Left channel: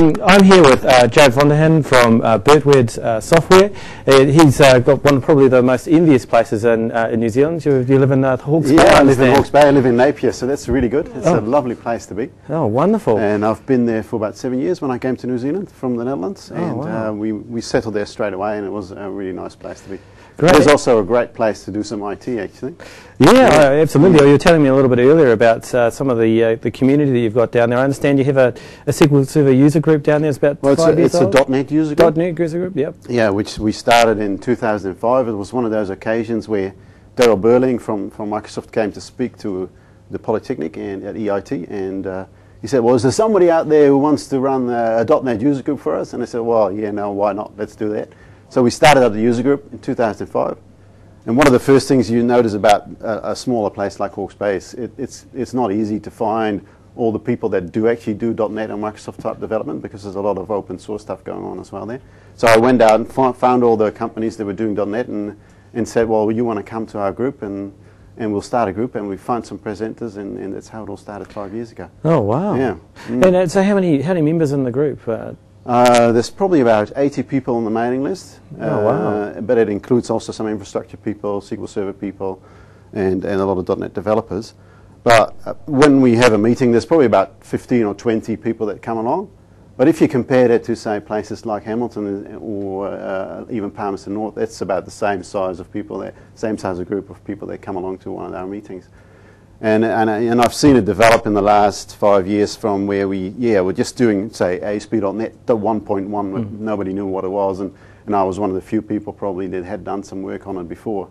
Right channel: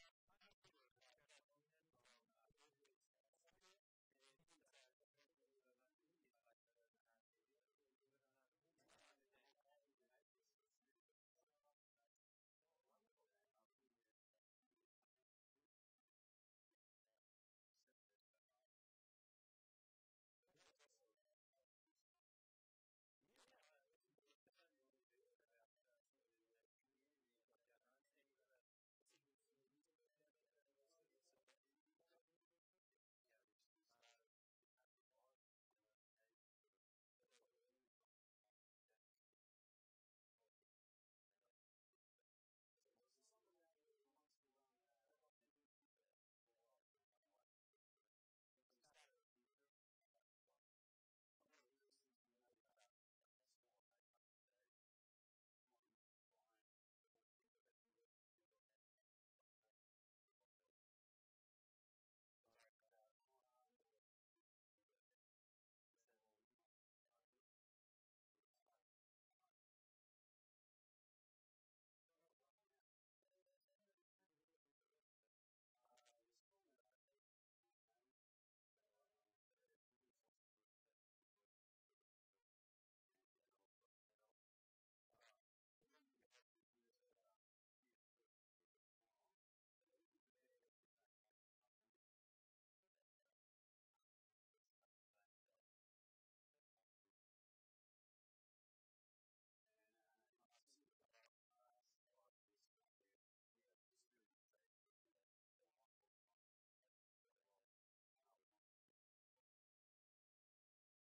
I'm here with Gerard from Birdwood Software. He's got one of probably the most envious places in New Zealand. You live in Hawke's Bay? Yeah, I live in Hawke's Bay. I live in Napier, so that's really good. It's a lovely place to be. Oh, wonderful. And I've been there for about 7 years when I came to New Zealand from the Netherlands. Oh, and wow. we settled there straight away, and it was a really nice place to be. Great. It was also a great place to do some IT, actually. Yeah, absolutely. You were telling me a little bit earlier about some of the community that you've got down there. I understand you have a SQL Server user group down there. It's about 5 years old? It's a .NET user group. .NET user group, yep. Yeah, which we started in 2005. It was one of those occasions where Daryl Burling from Microsoft came to speak to the Polytechnic and at EIT, and he said, well, is there somebody out there who wants to run a .NET user group for us? And I said, well, yeah, no, why not? Let's do that. So we started up the user group in 2005. And one of the first things you notice about a smaller place like Hawke's Bay is it's not easy to find all the people that do actually do .NET and Microsoft type development, because there's a lot of open source stuff going on as well there. So I went out and found all the companies that were doing .NET and said, well, you want to come to our group, and we'll start a group, and we found some presenters, and that's how it all started 5 years ago. Oh, wow. Yeah. And so how many members in the group? There's probably about 80 people on the mailing list. Oh, wow. But it includes also some infrastructure people, SQL Server people, and a lot of .NET developers. But when we have a meeting, there's probably about 15 or 20 people that come along. But if you compare that to, say, places like Hamilton or even Palmerston North, that's about the same size of people, same size of group of people that come along to one of our meetings. And I've seen it develop in the last 5 years from where we're just doing, say, ASP.NET, the 1.1, nobody knew what it was, and I was one of the few people probably that had done some work on it before.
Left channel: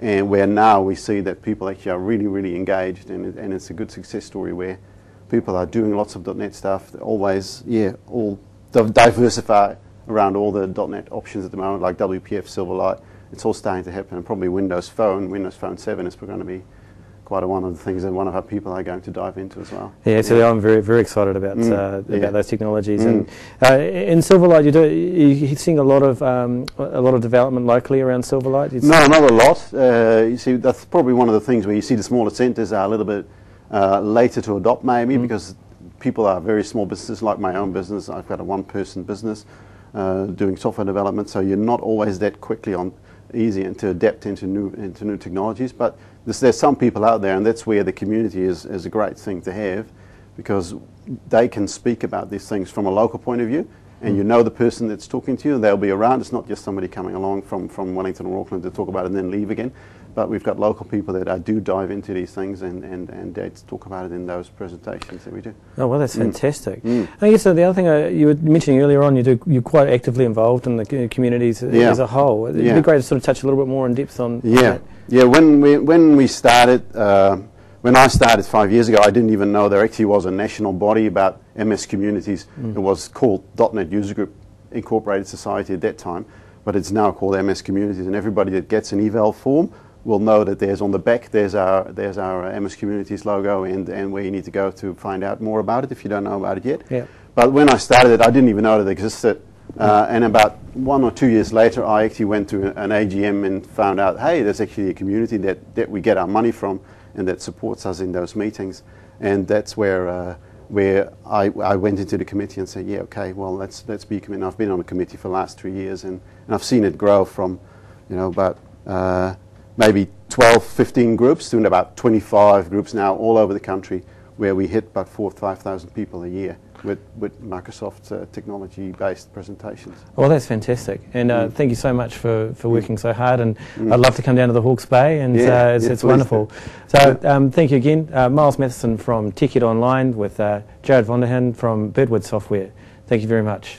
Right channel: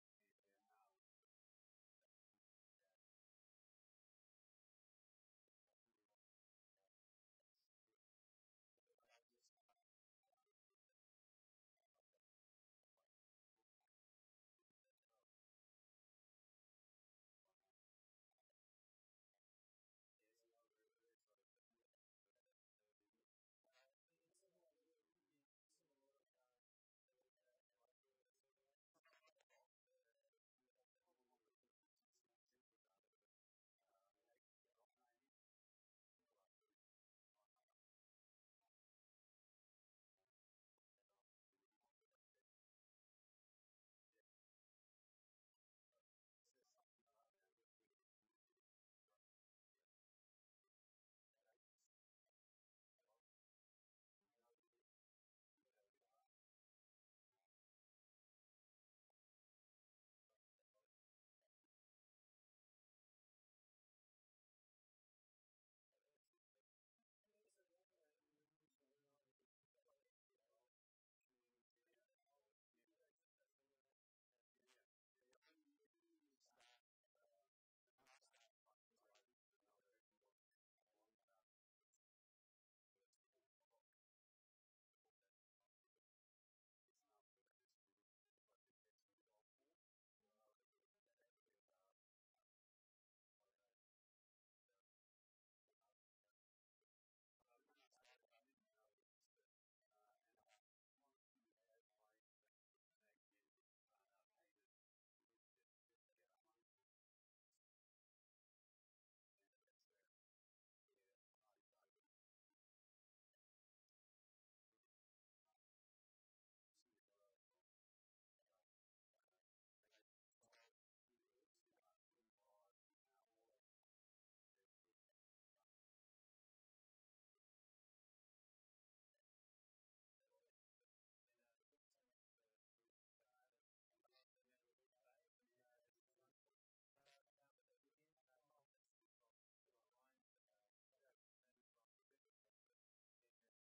And where now we see that people actually are really, really engaged, and it's a good success story where people are doing lots of .NET stuff, always, all diversify around all the .NET options at the moment, like WPF, Silverlight. It's all starting to happen, and probably Windows Phone 7 is going to be quite one of the things that one of our people are going to dive into as well. Yeah, so I'm very, very excited about those technologies. And in Silverlight, you're seeing a lot of development locally around Silverlight. No, not a lot. You see, that's probably one of the things where you see the smaller centres are a little bit later to adopt, maybe because people are very small businesses, like my own business. I've got a one-person business doing software development, so you're not always that quickly easy and to adapt into new technologies. But there's some people out there, and that's where the community is a great thing to have, because they can speak about these things from a local point of view, and you know the person that's talking to you, they'll be around. It's not just somebody coming along from Wellington or Auckland to talk about it and then leave again. But we've got local people that do dive into these things and they talk about it in those presentations that we do. Oh, well, that's fantastic. I guess the other thing you were mentioning earlier on, you're quite actively involved in the communities as a whole. It'd be great to sort of touch a little bit more in depth on that. Yeah, when we started, when I started 5 years ago, I didn't even know there actually was a national body about MS communities. It was called .NET User Group Incorporated Society at that time, but it's now called MS Communities, and everybody that gets an eval form will know that there's on the back there's our MS Communities logo and where you need to go to find out more about it if you don't know about it yet. Yeah. But when I started it, I didn't even know that it existed. And about 1 or 2 years later, I actually went to an AGM and found out, hey, there's actually a community that we get our money from and that supports us in those meetings. And that's where I went into the committee and said, yeah, okay, well, let's be a committee. I've been on the committee for the last 3 years, and I've seen it grow from, about maybe 12, 15 groups to about 25 groups now all over the country, where we hit about 4,000 to 5,000 people a year with Microsoft technology-based presentations. Well, that's fantastic, and thank you so much for working so hard, and I'd love to come down to the Hawke's Bay, and it's wonderful. So thank you again. Miles Matheson from TechEd Online with Gerard from Birdwood Software. Thank you very much.